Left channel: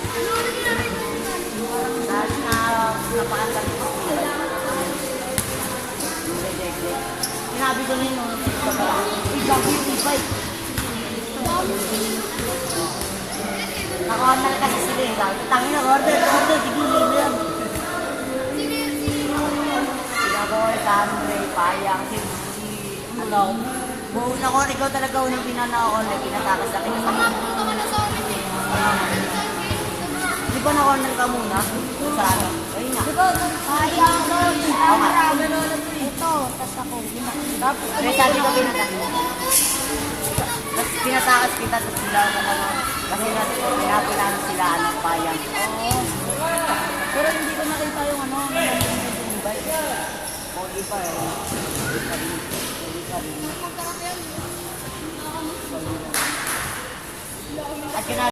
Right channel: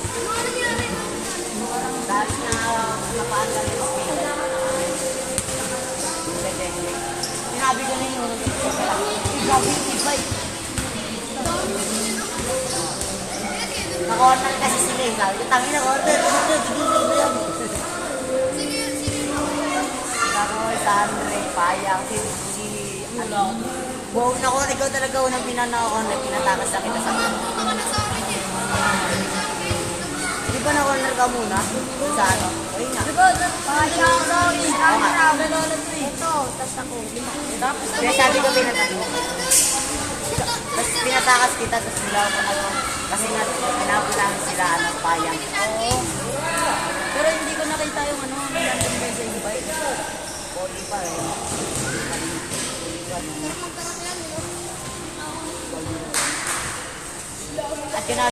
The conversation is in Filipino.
naman. Dahil na napaan lang yung sila. Sinabi ko na yun. Gabi yung e-bike. Naka-order kasi sila eh. Sabi ko, tangin na order. Tigil na yan. Ako, Sandre, Payang, si ano, wow, nako, ikaw talaga unang pinana-order, pinatakas sa kita. Di ba na-order ka muna? Sa ano? Ayun na. Di ba, Payang, ito, tas ako, tapos kaya sabi ko tapos pinatakas kita, tapos sila ako ano, kasi nga pinapalang sila ano, Payang. Oo. Pero hindi ko nakita yung ano, nandun medyo invite. O, iba eh. At